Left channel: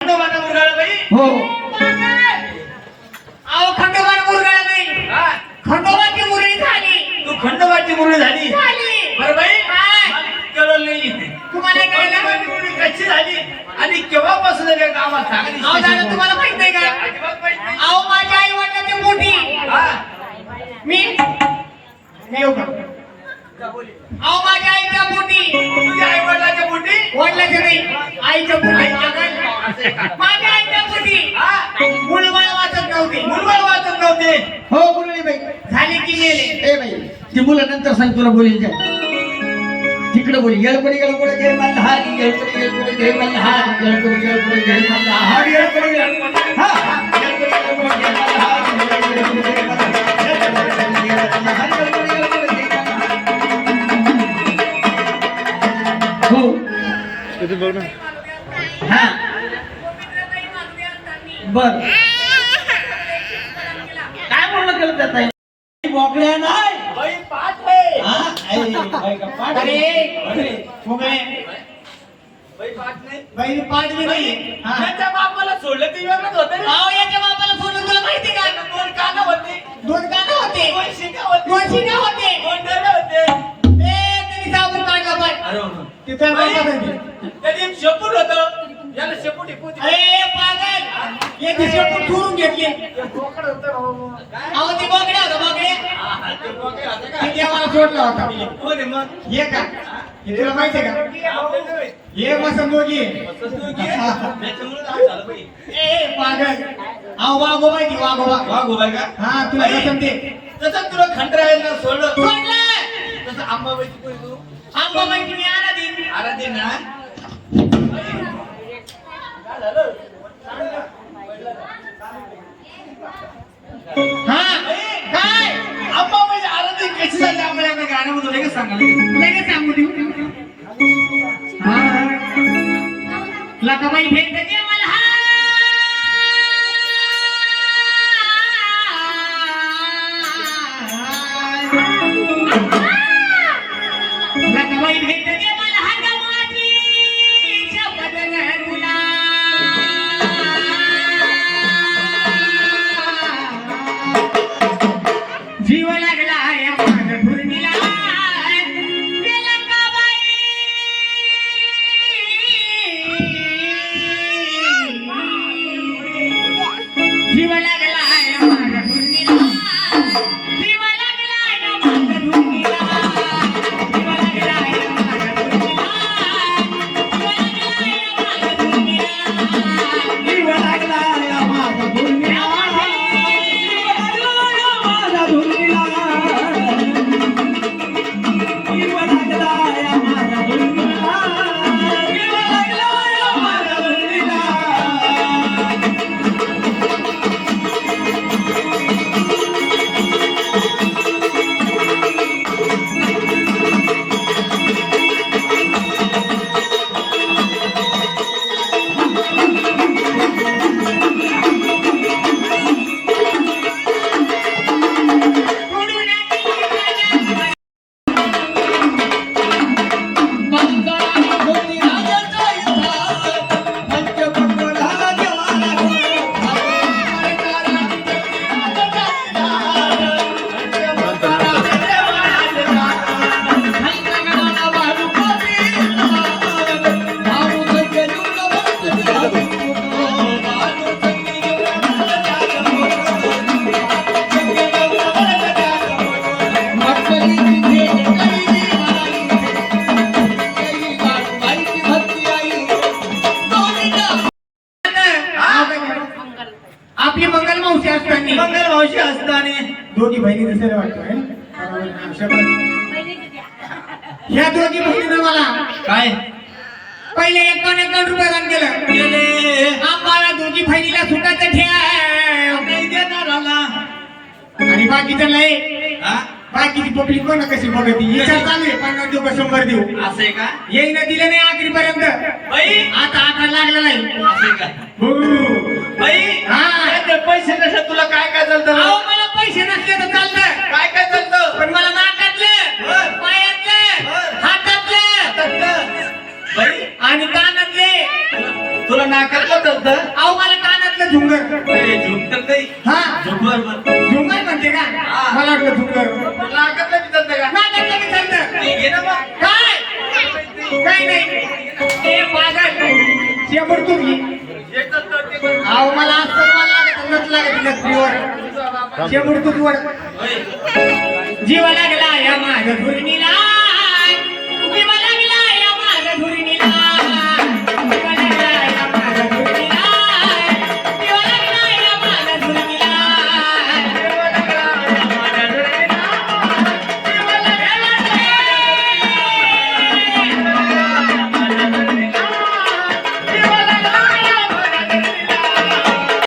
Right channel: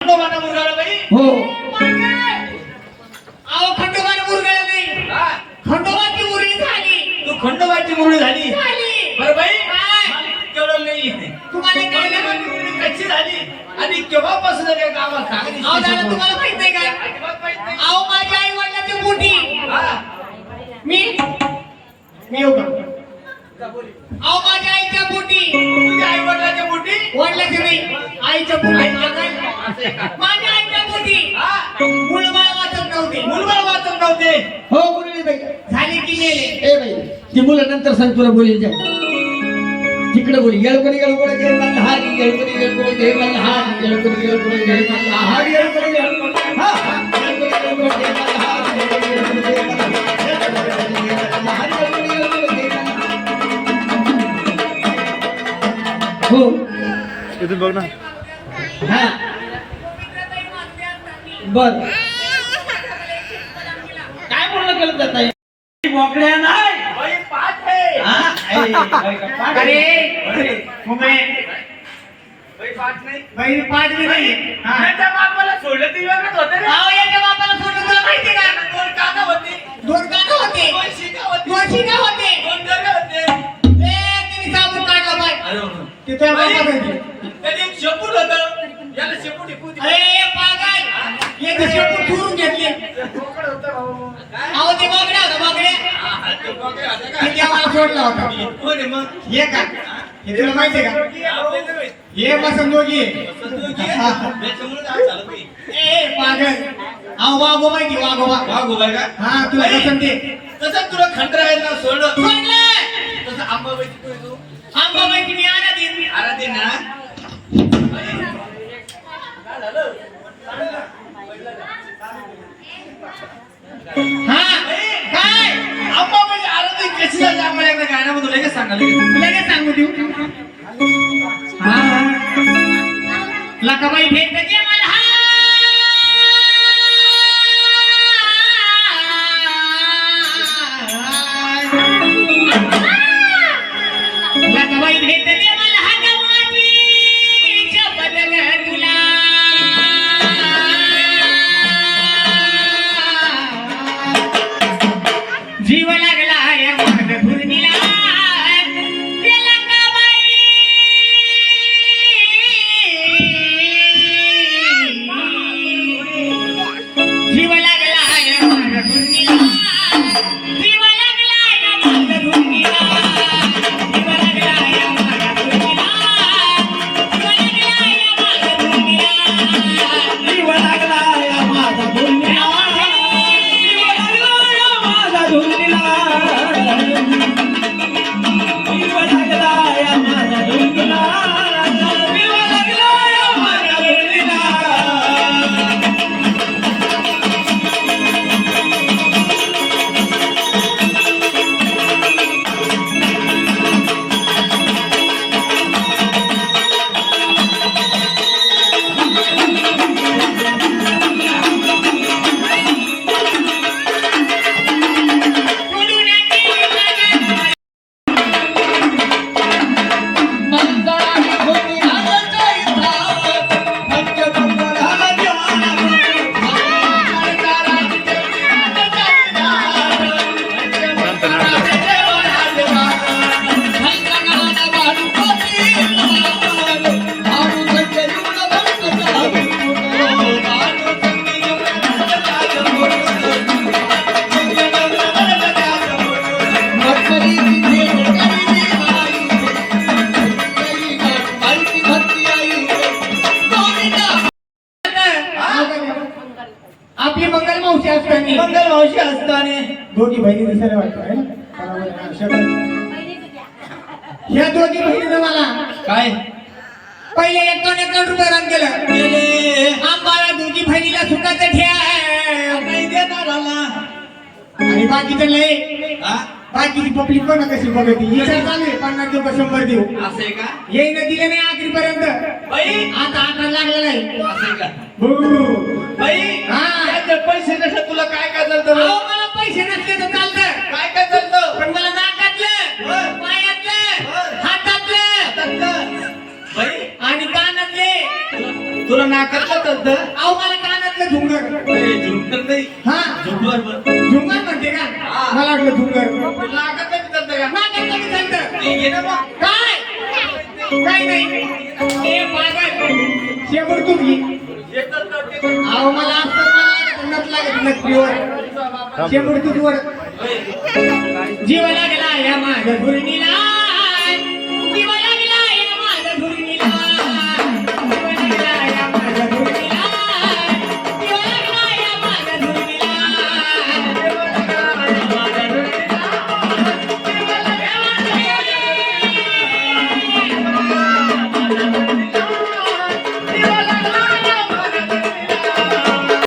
खंडोबाचा मुरगाळा बाई. हो. अहो खंडोबार मुरगाळा नाही हा, खंडोबाची मुरळी झाली. तू खंडोबाची मुरळी झाली? झाली. बरं बाई काय? मला कळलं नाही तुम्हाला कळलं खंडोबाची मुरळी कशी झाली? आणि केव्हापासून काय गावात सांगितलं अहो दादा तुम्हाला माहीत नाही का? अजिबात माहीत नाही. अहो माझ्या आई वडिलांची हा, मी मी अहो माझ्या पोटी तुझ्या आई वडिलाच्या पोटी वडिलाच्या नाही आईच्या पोटी. माझ्या आईच्या पोटी हा मुलबाळ वाचत नव्हते मुलबाळ वाचत नव्हते हो मुरळी बाई झाली की मेले ए बाई ती मुलं नंतर सांग तुला बोली जाय तिकडे बोली गळपडी गळपडी घे मल्हारी गळपडी गळपडी घे मल्हारी गळपडी गळपडी घे मल्हारी गळपडी गळपडी हा हा. गळपडी गळपडी घे गळपडी घे मल्हारी गळपडी घे मल्हारी गळपडी हो इथून बघ ना. हा. बर काय म्हणलं केलं त्यात आई? मोकळ्या नाही. बाई पाठ आहे. हा? आई, बाई का पाठ अरे. आहे? बाई पाठ नाही. बहिणी पाठ बी बाई, नाही. हा. त्याच्या बापाला सोडलं ती वेगळंच होतं रे. अहो त्या बापाला त्याने एक शेपूट होतं. याला शेपूट अरे पागल. एक शेपूट चोरून घेतले. बोकड होतं? अहो ते बघड्या होता बघड्या ते बोकड होतं का? ते देवाला सोडला होता. कोण मग? हे का? हे तुला का? माहीत. हे. ए पागल. अहो की वागोबा वाघ उभा का? हा तुला बाई, कसं ते? तसं तुला खंडरायाला सोडलं. सोडलं! तसं आंबाबाईची कोणी तू. मी आराधे ना काय झालं? हा? काय? आंबाबाई आराधे कशी झाली? आम्हाला एकदा गाण्यामधून लगेच सांगा लगेच. लगेच सांगू देऊ. हा. लकाबाई भेट दे मला दोघी बहिणी दिसायला वाटतं है ना? ह्या दोघी बहिणीनं मला काय? पहिले एकावन्न एकावन्न रुपये रान केलं. आम्हाला दोघी बहिणीला सुखाचं ठेव. नाही देणार आला आणि बाकीचं नाही? बाकीची पब्लिक कोण कशी बघती? विचार चालू आहे. पन्नास देऊ का शंभर देऊ. असं आहे का? येईन दिलं नाही आखरी पर्यंत आता आकडा लागला नाही. असं का? हो. बाई! हा. पैसे कसे? तुला काय काय चालतं? पैसे नसले तर चालतं काय काय चालतं? पण मला नाकातलं. पायातलं. हातातलं. आणि कानातले. तुला- तुला नाका कसलं चालतं? अहो मला कानातलं झुंगर. नाही. हा? म्हण. झुंगर म्हणते का. मला वाटलं झुंगर. तुला लागत नाही चालतं का? चालतं. ना मग. काय? काय नाही. ए पागल शेबर तू घे ते. अहो मला लागत. जीव लागला या माझ्या धुरणीला